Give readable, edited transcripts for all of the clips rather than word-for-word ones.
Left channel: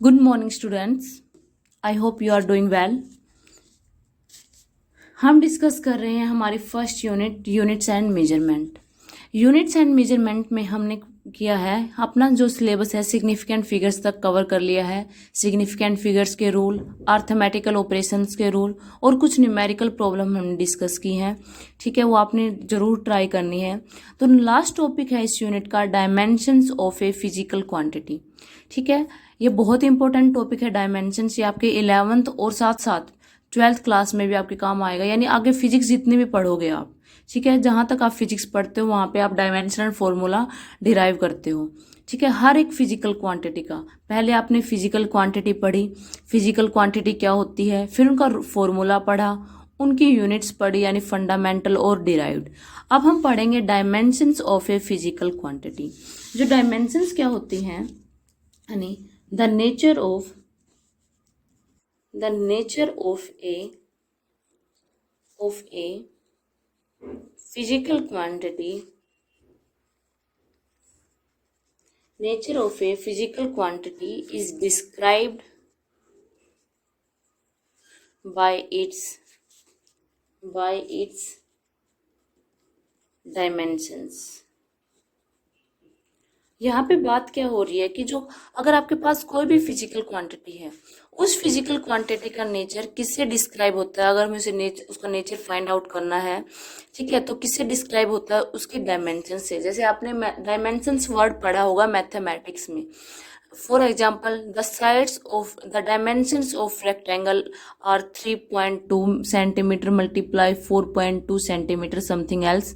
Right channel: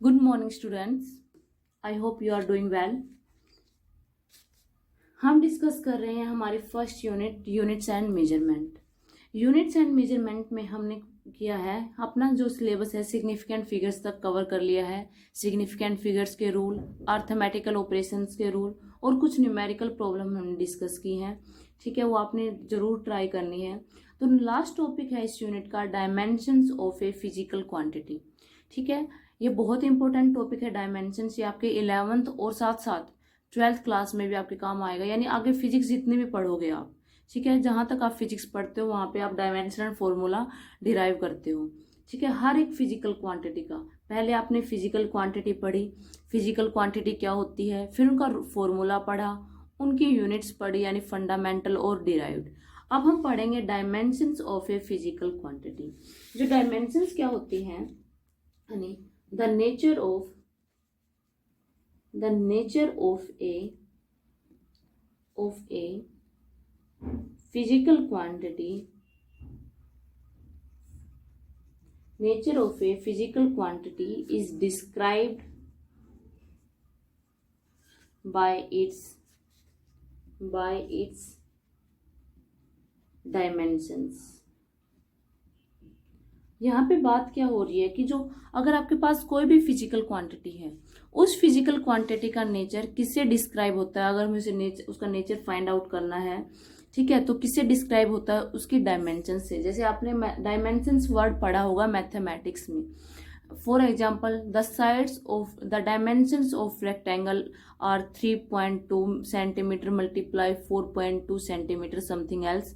Good morning students. I hope you are doing well. हम discuss कर रहे हैं हमारी first units and measurement. Units and measurement में हमने किया है अपना जो सिलेबस है सिग्निफिकेंट फिगर्स तक कवर कर लिया है। सिग्निफिकेंट फिगर्स के रूल, अर्थमेटिकल ऑपरेशंस के रूल और कुछ न्यूमेरिकल प्रॉब्लम हमने डिस्कस की हैं। ठीक है, वो आपने ज़रूर ट्राई करनी है। तो लास्ट टॉपिक है इस यूनिट का dimensions of a physical quantity. ठीक है, ये बहुत इंपॉर्टेंट टॉपिक है डायमेंशंस। ये आपके 11th और साथ साथ 12th क्लास में भी आपके काम आएगा, यानी आगे फिजिक्स जितने भी पढ़ोगे आप। ठीक है, जहाँ तक आप फिजिक्स पढ़ते हो वहाँ पे आप डायमेंशनल फॉर्मूला डिराइव करते हो। ठीक है, हर एक फिजिकल क्वांटिटी का पहले आपने फिजिकल क्वांटिटी पढ़ी, फिजिकल क्वांटिटी क्या होती है, फिर उनका फॉर्मूला पढ़ा, उनकी यूनिट्स पढ़ी यानी फंडामेंटल और डिराइव्ड। अब हम पढ़ेंगे dimensions of a physical quantity. जो डायमेंशंस क्या होती हैं यानी the nature of a physical quantity, nature of a physical quantity is described by its dimensions। यहाँ पे बात क्या हो रही है कि जो अगर आपके पास कोई भी फिजिकल क्वांटिटी है, उस फिजिकल क्वांटिटी का नेचर किससे डिस्क्राइब होता है। अगर मुझे उसका नेचर फाइंड आउट करना है, ठीक है, तो किससे डिस्क्राइब होता है, उसकी डायमेंशन से। जैसे आपने डायमेंशंस वर्ड पढ़ा होगा मैथमेटिक्स में। For example the sides of the dimensions of rectangle are 3.2 centimetre multiply 4.2 centimetre something else.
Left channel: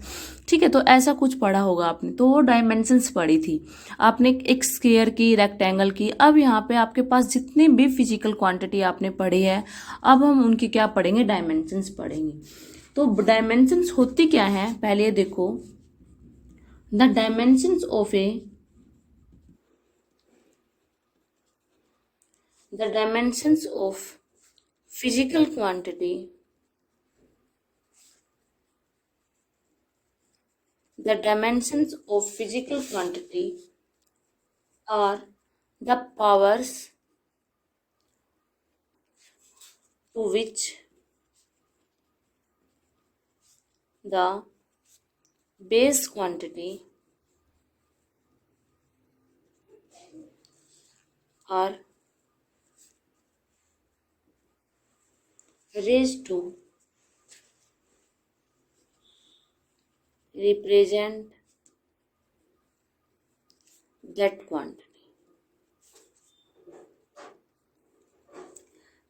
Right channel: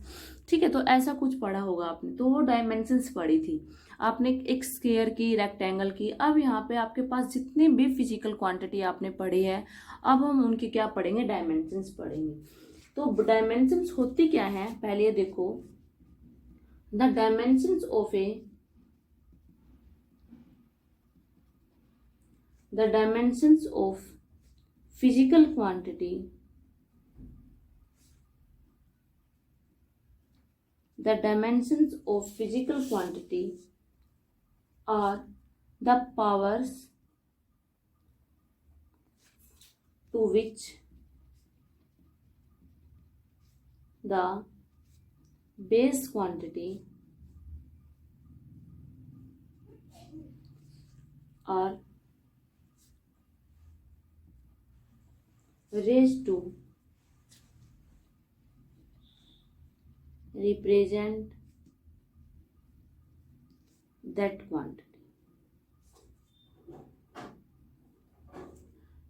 ठीक है, तो ऐसा कुछ पढ़ा होगा आपने, तो वो डायमेंशंस पढ़ी थी आपने, एक स्क्वायर की, रेक्टेंगल की। अब यहाँ पे आपके पास जितनी भी फिजिकल क्वांटिटी आपने पढ़ी है, अब हम उनकी क्या पढ़ेंगे, डायमेंशंस पढ़ेंगे। तो डायमेंशंस होती क्या है, पहले देखो। The dimensions of A the dimensions of physical quantity, the dimensions of physical quantity are the powers to which the base quantity are raised to represent that quantity।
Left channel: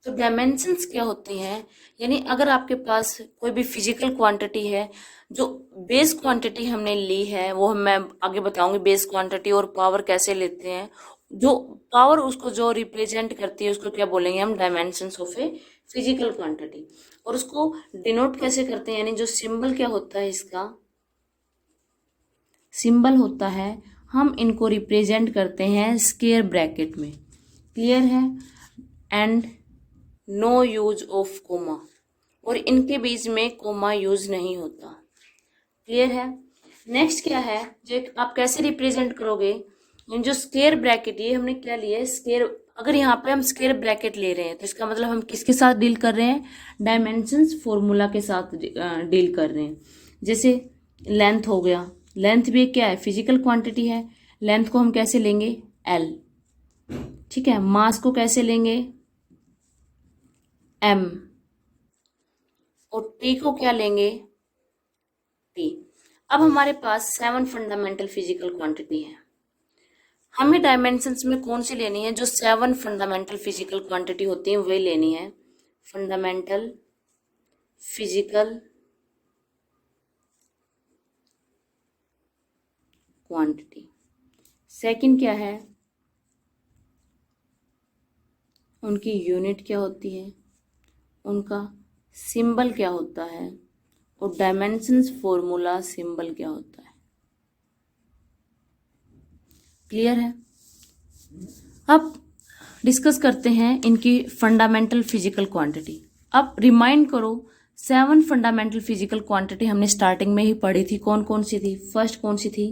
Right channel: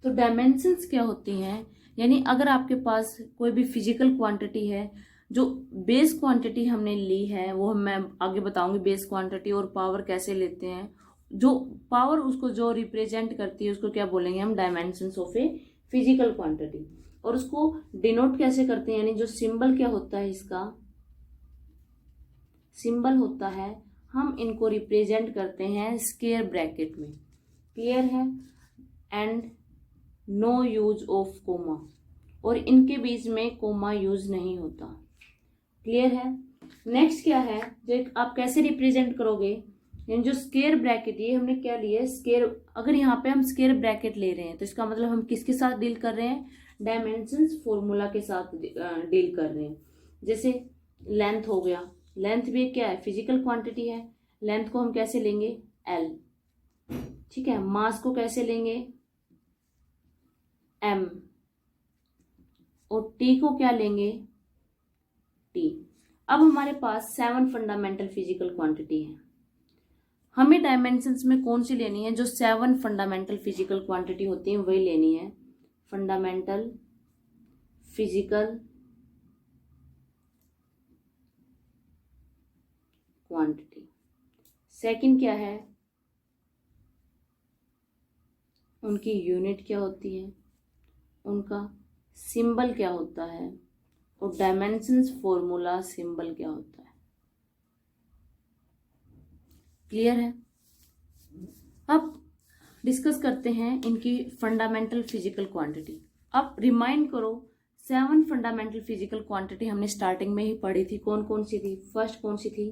तो डायमेंशंस क्या होती हैं, यानी अगर आपके पास कोई भी फिजिकल क्वांटिटी है, जो बेस क्वांटिटी हमने ली है, वो मैं आगे बताऊंगी बेस क्वांटिटी और पावर कैसे लेते हैं। जो पावर उसको जो रिप्रेजेंट करती है उसको क्या बोलेंगे हम, dimensions of a physical quantity. और उसको डिनोट कैसे करते हैं, यानी जो सिंबल क्या होता है, इसका सिंबल होता है, हम इनको रिप्रेजेंट करते हैं स्क्वायर ब्रैकेट में। क्लियर है? And no use of comma, और इनके बीच में कोमा यूज नहीं होता। क्लियर है? नेक्स्ट क्या है, जो आप कैसे रिप्रेजेंट करोगे, जो स्क्वायर ब्रैकेट, ये हमने क्या लिया है, स्क्वायर। अगर यहाँ पे हम स्क्वायर ब्रैकेट ले रहे हैं तो इसका मतलब हम किसके साथ डील कर रहे हैं, डायमेंशंस फॉर्मूला के साथ डील कर रहे हैं। जैसे लेंथ हो गया, लेंथ भी क्या है, फिजिकल क्वांटिटी है। लेंथ को हम कैसे लेंगे, एल। ठीक है, मास को कैसे लेंगे, एम। और टी को क्या लेंगे, टी। अब हमारे पास 7 फंडामेंटल फिजिकल क्वांटिटी है। हमें डायमेंशंस में कौन सी लेनी है, जो 7 फंडामेंटल फिजिकल क्वांटिटी होती है वे लेनी है। Fundamental physical quantity. सेकंड क्या है, उनकी यूनिट क्या होती है, उनका सिंबल क्या होता है, और डायमेंशंस फॉर्मूला सिंबल क्या होता है। क्लियर है? अब डिस्कस करते हैं इनकी फंडामेंटल फिजिकल क्वांटिटी। अब रिमाइंड करो, 7 फंडामेंटल फिजिकल क्वांटिटी हमने स्टार्टिंग में ही पढ़ी थी। कौन कौन सी थी, फर्स्ट कौन सी थी,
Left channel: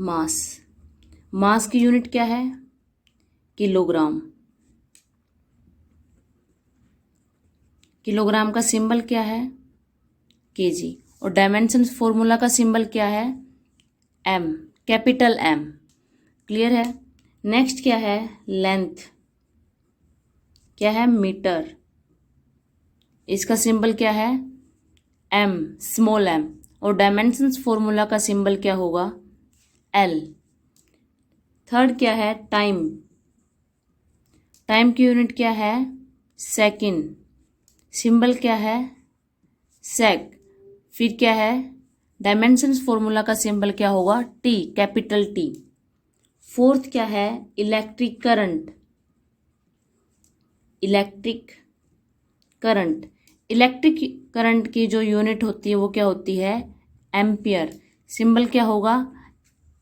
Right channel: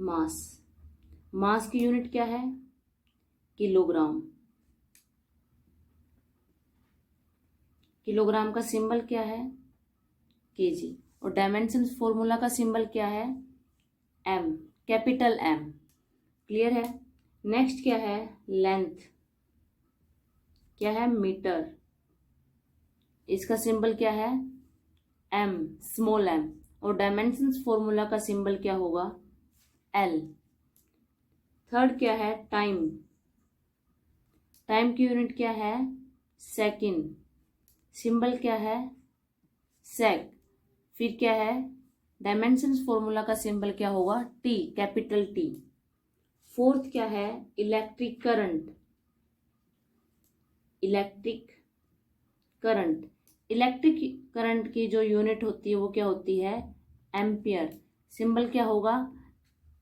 मास। मास की यूनिट क्या है, किलोग्राम। किलोग्राम का सिंबल क्या है, केजी, और डायमेंशंस फॉर्मूला का सिंबल क्या है, एम, कैपिटल एम। क्लियर है। नेक्स्ट क्या है, लेंथ, क्या है, मीटर, इसका सिंबल क्या है, एम, स्मॉल एम, और डायमेंशंस फॉर्मूला का सिंबल क्या होगा, एल। थर्ड क्या है, टाइम, टाइम की यूनिट क्या है, सेकंड, सिंबल क्या है, सेक। फिर क्या है, डायमेंशंस फॉर्मूला का सिंबल क्या होगा, टी, कैपिटल टी। फोर्थ क्या है, electric current, electric current, electric current की जो यूनिट होती है वो क्या होती है, एम्पियर, सिंबल क्या होगा,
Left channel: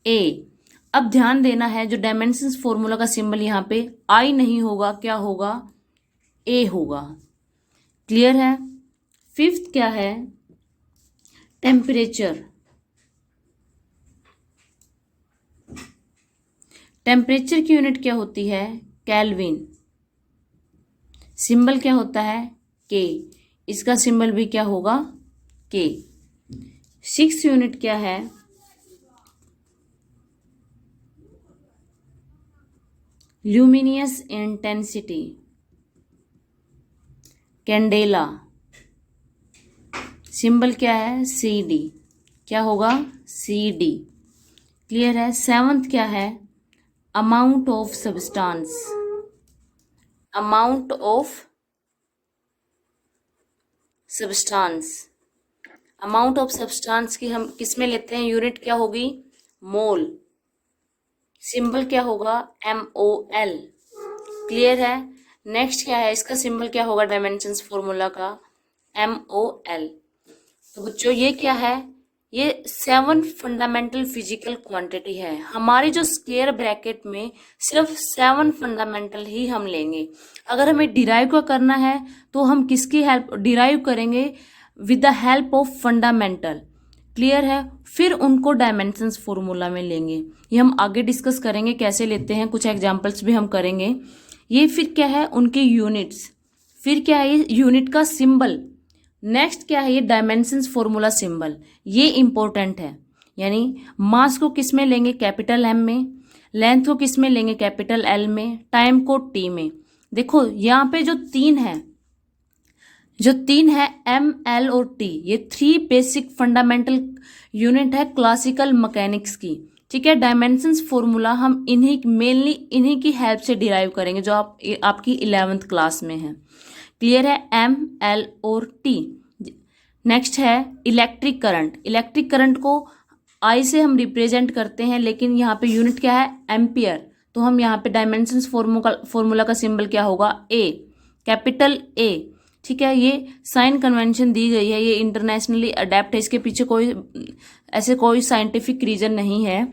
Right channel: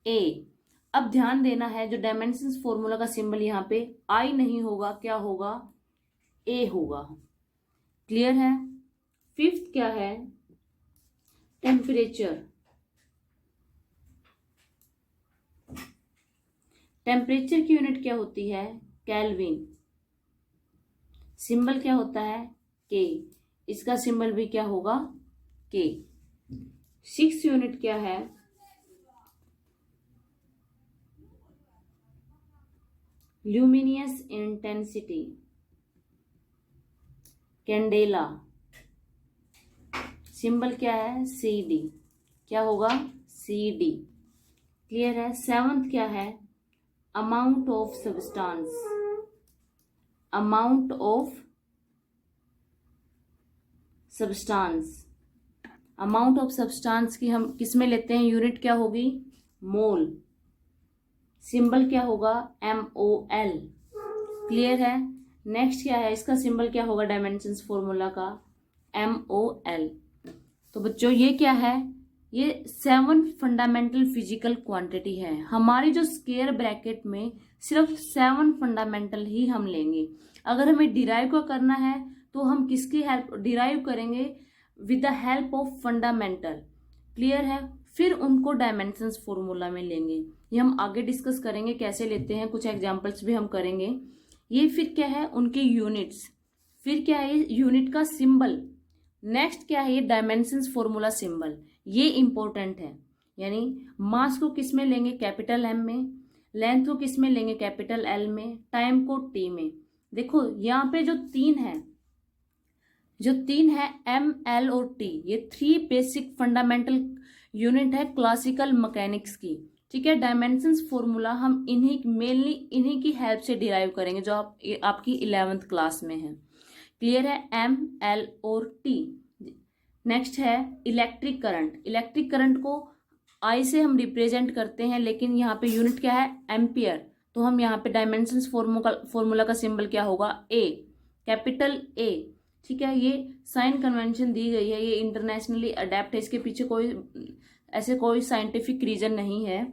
ए। अब ध्यान देना है, जो डायमेंशंस फॉर्मूला का सिंबल यहाँ पे आई नहीं होगा, क्या होगा, ए होगा। क्लियर है। फिफ्थ क्या है, टेम्परेचर, टेम्परेचर की यूनिट क्या होती है, केल्विन, सिंबल क्या होता है, के, इसका सिंबल भी क्या होगा, के। सिक्स यूनिट क्या है, ल्यूमिनियस इंटेंसिटी, कैंडेला, सिंबल क्या है, सी डी, क्या होगा, सी डी। क्लियर है। सेवंथ क्या है, amount of substance, amount of substance, amount of substance की हम किस में लेते हैं, यूनिट क्या होगी, मोल, सिंबल क्या होगा, MOL। क्लियर है। नेक्स्ट क्या है, इसका सिंबल क्या होगा, डायमेंशंस फॉर्मूला का, MOL। तो बच्चों ये क्या है, ये 7 फंडामेंटल फिजिकल क्वांटिटी है। हमारी जो स्क्वायर ब्रैकेट में सिर्फ 7 फंडामेंटल ही हम लेंगे। अगर हमें डिराइव का करना है तो हम किसकी हेल्प डिराइव करेंगे, with the help of fundamental. Clear है। फिर उनको डायमेंशंस फॉर्मूला में लेंगे, ये हम आगे डिस्कस करेंगे कैसे लेते हैं, कुछ एग्जांपल्स भी हम करेंगे। ये फिर क्या है, उनके यूनिट्स, फिर क्या है, ये यूनिट का सिंबल। नेक्स्ट क्या है, ये डायमेंशंस फॉर्मूला सिंबल, ये इंपॉर्टेंट है। यानी मास को किस में लेंगे, कैपिटल एम में, लेंथ को किस में लेंगे, कैपिटल एल में, टाइम को टी में। देखो यहाँ पे जो तीन है एम, एल और टी, ये 3 बेसिक फंडामेंटल यूनिट है क्लासिकल मैकेनिक्स की। ठीक है। डायमेंशंस फॉर्मूला हम मेनली इन्हीं की हेल्प से डिराइव करेंगे, जो आपकी 11th क्लास में है। क्लियर है, एम, एल और टी। नेक्स्ट है इलेक्ट्रिक करंट, इलेक्ट्रिक करंट को आई से हम रिप्रेजेंट करते हैं, लेकिन यहाँ पे यूनिट क्या है, एम्पियर। तो हम यहाँ पे डायमेंशंस फॉर्मूला का सिंबल क्या होगा, ए, कैपिटल ए। ठीक है। ये साइन कन्वेंशन दी गई है, ये इंटरनेशनली अडेप्ट है, इसके पीछे कोई साइंटिफिक रीजन नहीं है।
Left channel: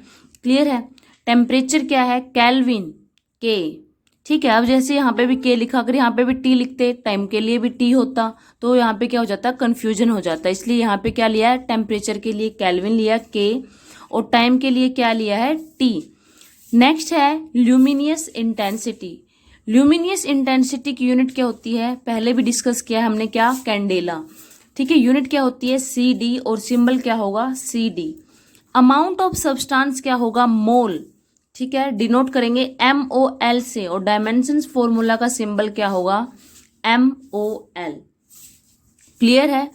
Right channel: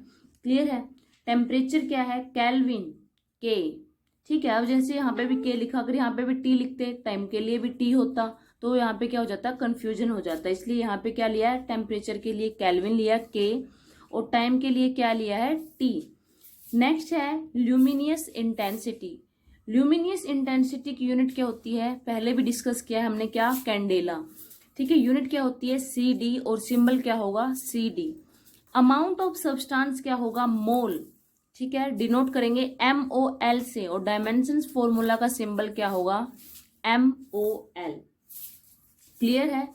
क्लियर है। टेम्परेचर क्या है, केल्विन, के। ठीक है। अब जैसे यहाँ पे भी के लिखा, अगर यहाँ पे भी टी लिखते, टाइम के लिए भी टी होता, तो यहाँ पे क्या हो जाता, कंफ्यूजन हो जाता। इसलिए यहाँ पे क्या लिया है, टेम्परेचर के लिए केल्विन लिया के, और टाइम के लिए क्या लिया है, टी। नेक्स्ट है ल्यूमिनियस इंटेंसिटी, ल्यूमिनियस इंटेंसिटी की यूनिट क्या होती है, पहले भी डिस्कस किया है हमने, क्या, कैंडेला। ठीक है। यूनिट क्या होती है, सी डी, और सिंबल क्या होगा, C D. Amount of substance क्या होगा, मोल। ठीक है। डिनोट करेंगे MOL से, और डायमेंशंस फॉर्मूला का सिंबल क्या होगा, MOL। क्लियर है।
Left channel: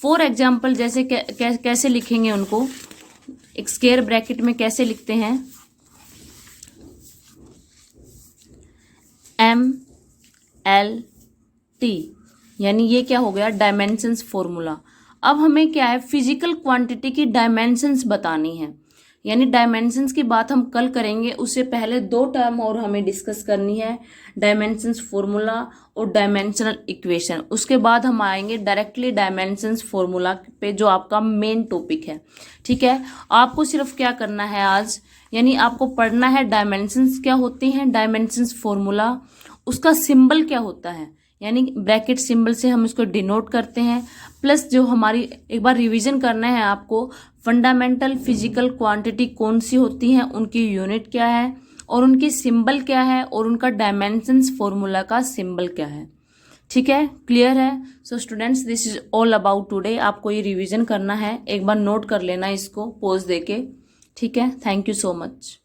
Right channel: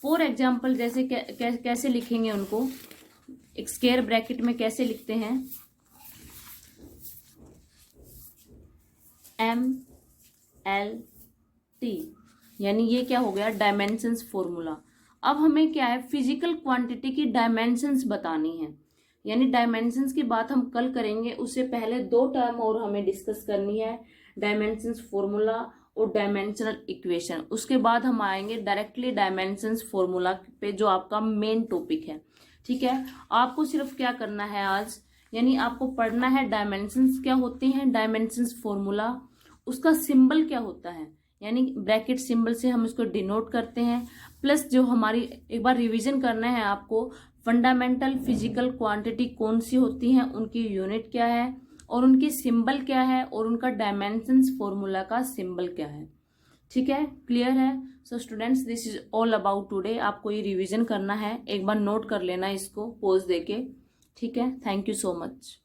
फॉर एग्जाम्पल जैसे कैसे लिखेंगे उनको, एक स्क्वायर ब्रैकेट में कैसे लिखते हैं, MLT, यानी ये क्या हो गया, डायमेंशंस फॉर्मूला। अब हमें क्या है, फिजिकल क्वांटिटी की डायमेंशंस बतानी है, यानी डायमेंशंस की बात हम कल करेंगे। उससे पहले 2 टर्म और हमें डिस्कस करनी है, डायमेंशंस फॉर्मूला और डायमेंशनल इक्वेशन। उसके बाद हम आएंगे डायरेक्टली डायमेंशंस फॉर्मूला पे, जो आपका मेन टॉपिक है। ठीक है। आपको सिर्फ क्या करना है आज, यानी आपको पढ़ना है डायमेंशंस क्या होते हैं, डायमेंशंस फॉर्मूला, उसका सिंबल क्या होता है, यानी ब्रैकेट सिंबल से हम उसको डिनोट करते हैं। प्लस जो हमारी एक बार रिवीजन करना है आपको, फंडामेंटल फिजिकल क्वांटिटी कौन सी होती हैं, उनकी यूनिट क्या है, और उनकी सिंबल क्या है, और उनका डायमेंशंस फॉर्मूला का सिंबल क्या है। ठीक है, क्लियर है। So students, this is all about today. आपको ये रिवीजन करना है, एक बार नोट कर लेना इसको पोज देके। ठीक है, थैंक यू सो मच।